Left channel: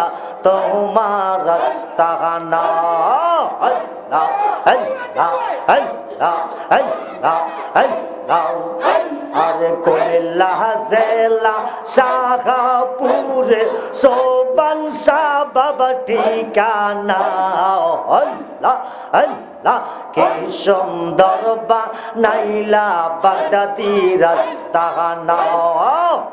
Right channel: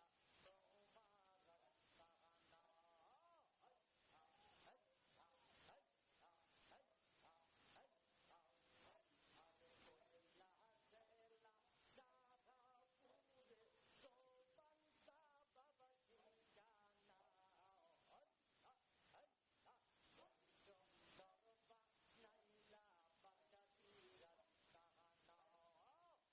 নাইলা তোমার রাস্তানা আল্লাহ আল্লাহ আল্লাহ আল্লাহ আল্লাহ আরে কোল্লাহ জেলা শাহপুরে সোবান শাহ বাবা ঠিকানা আল্লাহ আল্লাহ কি সুন্দর বানাইলা বাগদাদি রাস্তানা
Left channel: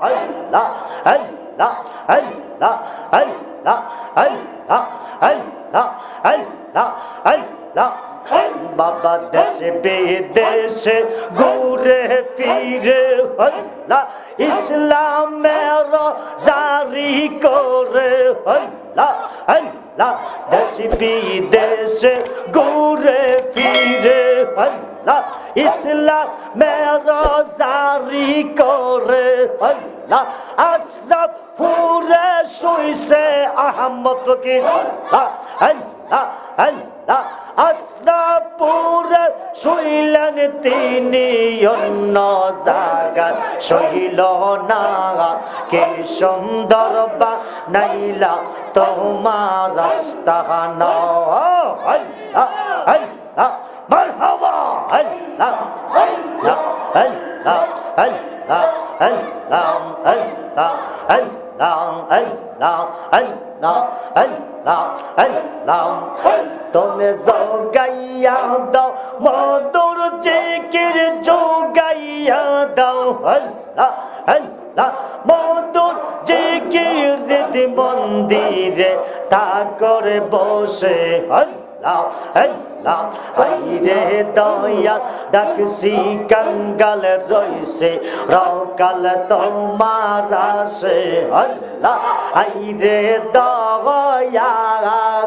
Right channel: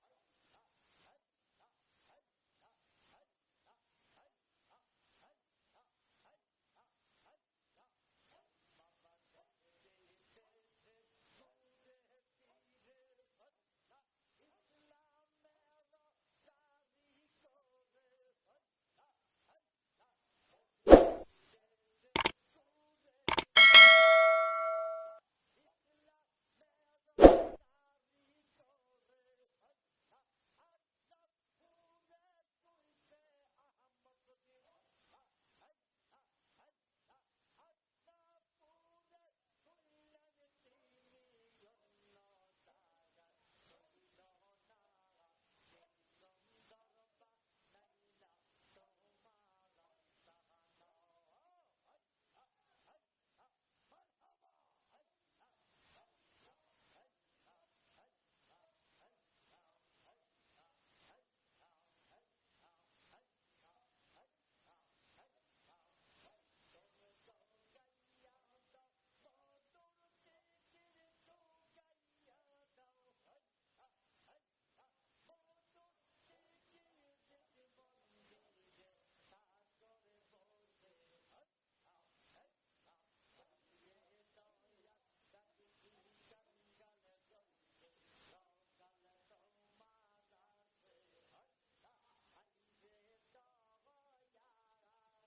আল্লাহ আল্লাহ আল্লাহ আল্লাহ আল্লাহ আল্লাহ আল্লাহ আল্লাহ বাবা দেশে বিদেশে ঘুরে ফিরে আল্লাহ ইসলামের জারি করে আল্লাহ আল্লাহ দেশে বিদেশে ঘুরে ফিরে আল্লাহ ইসলামের জারি করে আল্লাহ আশরাফ পুরে শুইছে আহমদ ফকির আল্লাহ আল্লাহ আল্লাহ আশরাফপুরে শুইলেন তিনি অন্য জায়গা শৈল না কে সুন্দর বানাইলা তোমার রাস্তানা আল্লাহ আল্লাহ মারহাবা আল্লাহ আল্লাহ আল্লাহ আল্লাহ আল্লাহ আল্লাহ আল্লাহ আল্লাহ আল্লাহ আল্লাহ আল্লাহ তুমি যোগাইয়া দাও মধুর জিকির যোগাইয়া দাও আল্লাহ আল্লাহ মধুর জিকির হৃদি মন্দিরে তা করে বসে আল্লাহ আল্লাহ আইরে দয়া ডাকছি কাঙ্গাল রইছে রকাল তোমার আসে আল্লাহ আইরে দয়া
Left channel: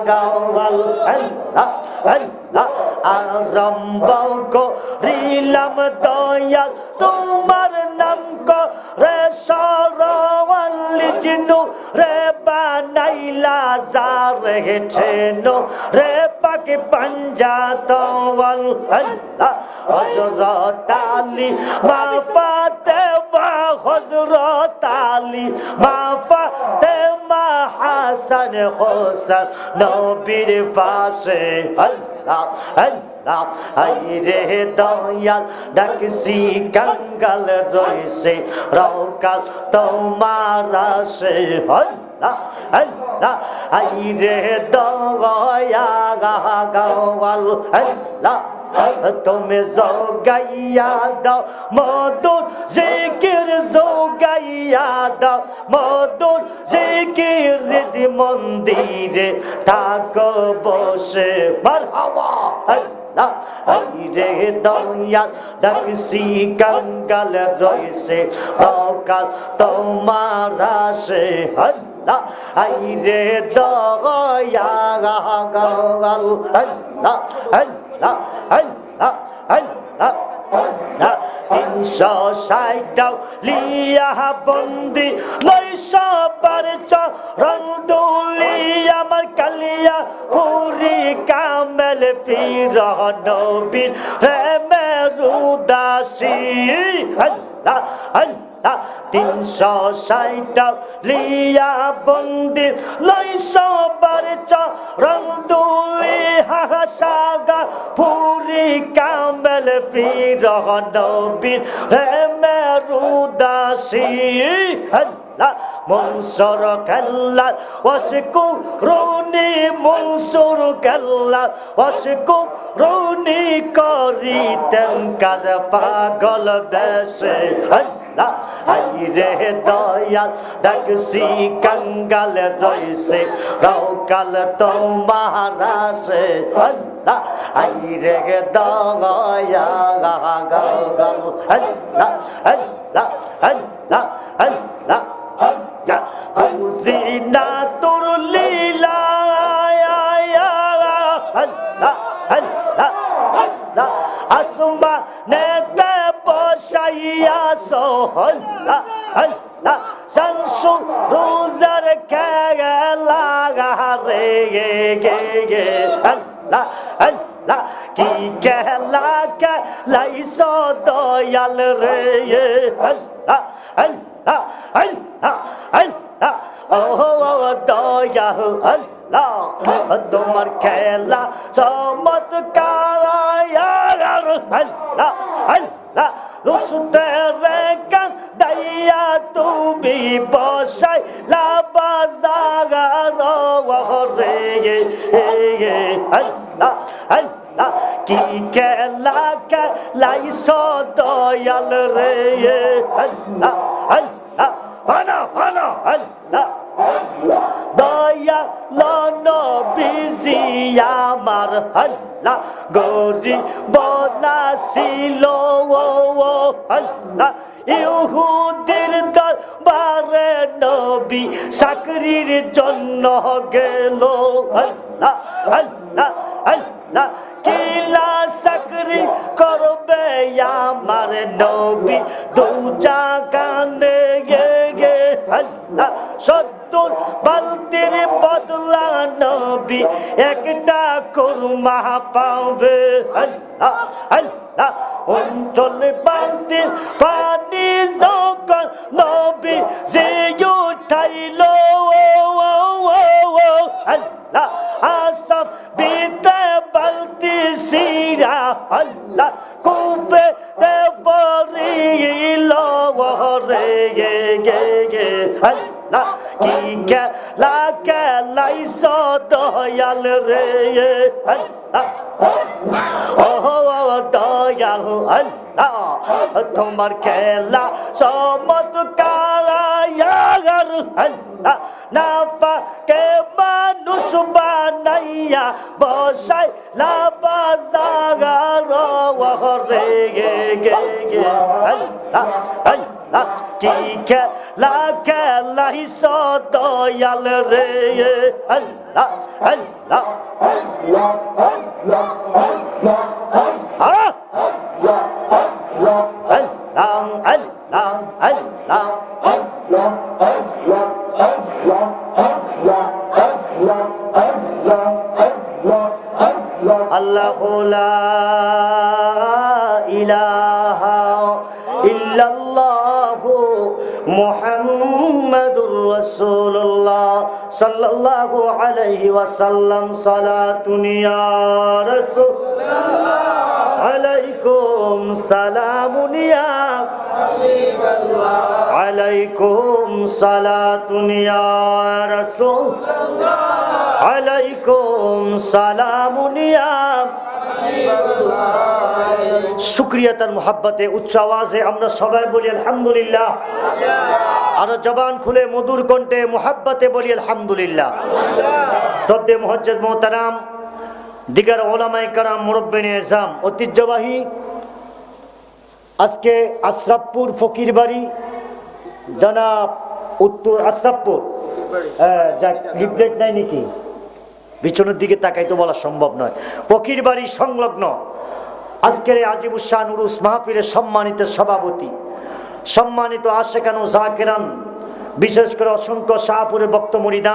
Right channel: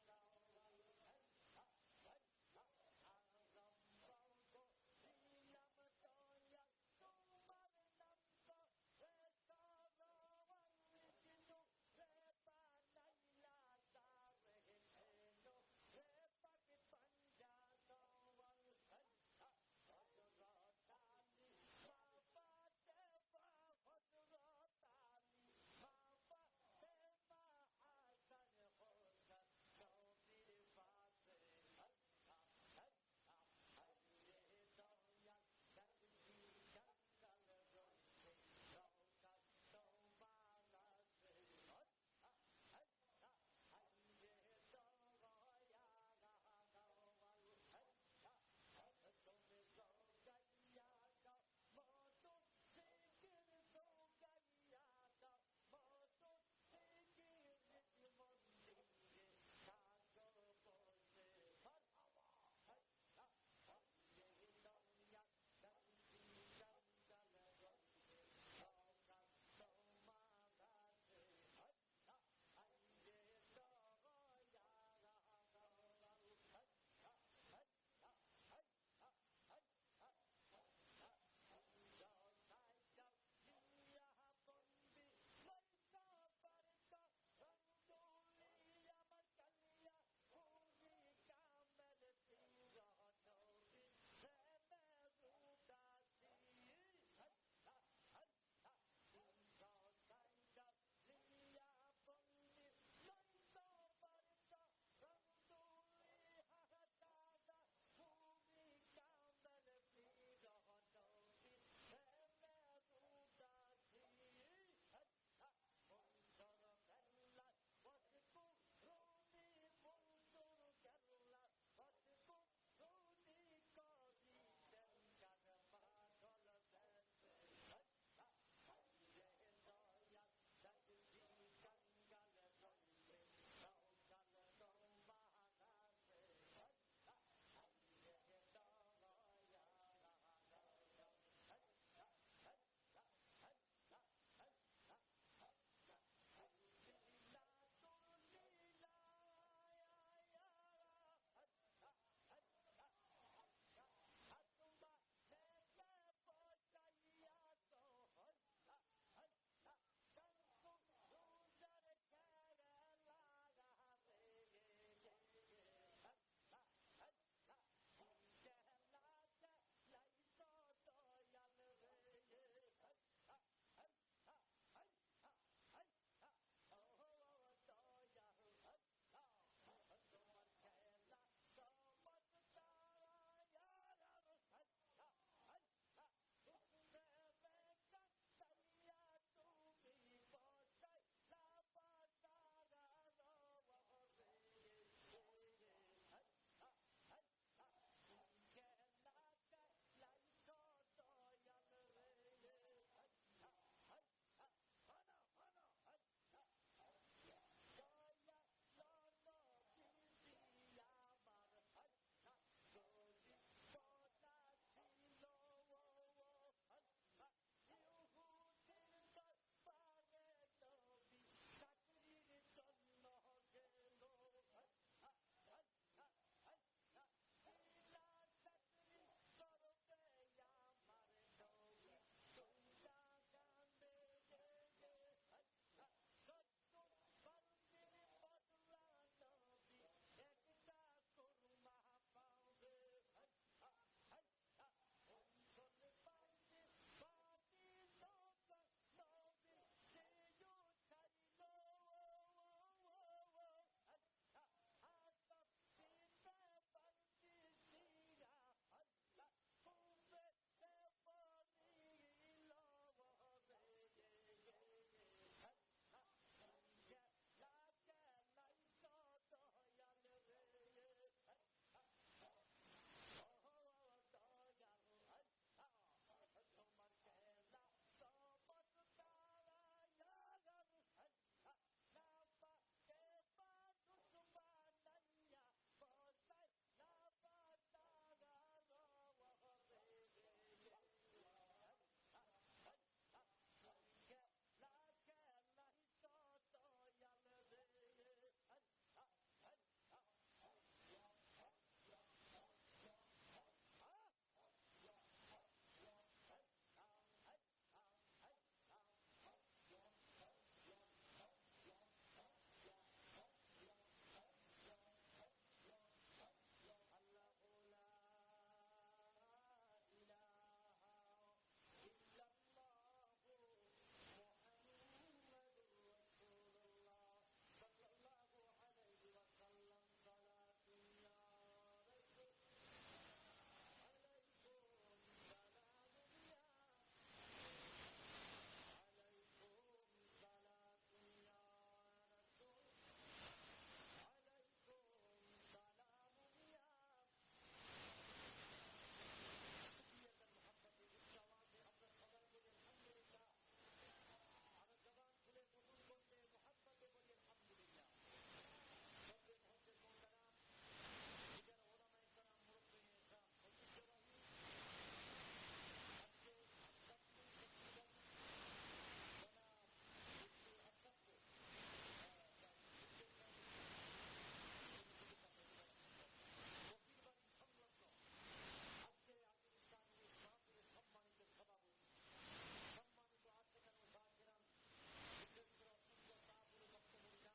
গাওয়াল আল্লাহ আল্লাহ আরম্ভ করিলাম দয়াল তোমার নাম করে সরওয়াল জিনু রে বানাইলা জারে ছেনো রে পাকে পাঞ্জাতওয়াল আল্লাহ হযরত আলী মা ফাতেমা হযরত আলী মা ফাতেমা হাসান হোসেন নবীর পাশে আল্লাহ আল্লাহ আইরে দয়াল ডাকছি কাঙ্গাল রইছে রকাল তোমার আসে আল্লাহ আল্লাহ আইরে দয়া গাওয়াল আল্লাহ তুমি যোগাইয়া দাও মধুর জিকির যোগাইয়া দাও মধুর জিকির হৃদি মন্দিরে থাকো বসে মারহাবা আল্লাহ আইরে দয়াল ডাকছি কাঙ্গাল রইছে রকাল তোমার আসে আল্লাহ আইরে দয়া গাওয়াল আল্লাহ আল্লাহ আল্লাহ আল্লাহ আল্লাহ 360 লিয়া বন্দি 900 বার চরণ দুলি আমার কালিয়া পুরি কামেল পীর নবীর প্রেমের উদাসী আল্লাহ আল্লাহ 360 লিয়া বন্দি 900 বার চরণ দুলি হাসাগা পুরি কামেল পীর নবীর প্রেমের উদাসী আল্লাহ মনসুর কাল্লা ওয়াশকুরুনি মনসুর কাল্লা ওয়াশকুরুনি করিতেন কাজ পাগল বেশে আল্লাহ আইরে দয়াল ডাকছি কাঙ্গাল রইছে রকাল তোমার আসে আল্লাহ আইরে দয়া গাওয়াল আল্লাহ আল্লাহ আল্লাহ আল্লাহ বুঝিনা তোর লীলা আল্লাহ আল্লাহ আল্লাহ আসমানেতে বসাইয়া সোহল্লাহ আল্লাহ সংসু রোজার খেলা রে গে আল্লাহ আল্লাহ কি খেলা খেলাইছো দয়াল রে আল্লাহ আল্লাহ আল্লাহ আল্লাহ দয়াল আল্লাহ তোমার খেলা চমৎকার আল্লাহ আল্লাহ রুস্তের গান দাইয়া তুমি বসাই লাবাজাগার রে আল্লাহ আল্লাহ কি খেলা খেলাইছ দয়াল রে আল্লাহ আল্লাহ ফানা ফানা আল্লাহ দয়াল নবীজি আমার আল্লাহ গরিব ছিল আল্লাহ ইহুদির দরবারে নবী চাকরির জন্য গেল আল্লাহ আল্লাহ আল্লাহ কিলা চাকরি করবে আমার নবী দু জাগানে গে আল্লাহ 70 বালতির বদলা নবী একটা কুরমা পাবে আল্লাহ আল্লাহ 39 বালতির পানি যখন নবী যে উঠাইল আল্লাহ আসব বিতে বালতি সিরা আল্লাহ কুপে দে পরিল রে গে আল্লাহ কি খেলা খেলাইছ দয়াল রে আল্লাহ দয়াল আল্লাহ তোমার খেলা চমৎকার আল্লাহ না পাকে মানুষ বানাইয়া বসাই লাবাজাগার রে গে আল্লাহ আল্লাহ কি খেলা খেলাইছ দয়াল রে আল্লাহ আল্লাহ আল্লাহ লা ইলাহা ইল্লাল্লাহ মুহাম্মাদুর রাসূলুল্লাহ সাল্লাল্লাহু আলাইহি ওয়াসাল্লাম সালাতুন ইয়া রাসূলুল্লাহ আলাইকুম সালামুন ইয়া হাবিবাল্লাহ আলাইকুম সালাতুন ইয়া রাসূলুল্লাহ আলাইকুম সালামুন ইয়া হাবিবাল্লাহ শুকরিয়াতার মুহাব্বতে উচ্চ আওয়াজে আমরা সবাই বলি আলহামদুলিল্লাহ আর জবান খুলে মধুর কণ্ঠে মুহাব্বতে বলি আলহামদুলিল্লাহ শ্রদ্ধেয় মুআজ্জাজ মুহতারাম দিগার ওলামায়ে কেরাম মুরব্বিনে এজাম ঐতিহ্যবাহী আজকে আশরাফপুর ফকির বাড়ি জনাব উত্তর আশরাফপুর যা লিফলেট নাই নাকি পিছনের দিকে তাকাই তো বলা সম্ভব নয় ফকির বাড়ি সংলগ্ন আজকের আজিবুস শান উরুস মাহফিলের সম্মানিত সভাপতি সম্মানিত আশেকান ও জাকিরান বিশেষ করে অসংখ্য শাহপুরের বক্ত মুরিদান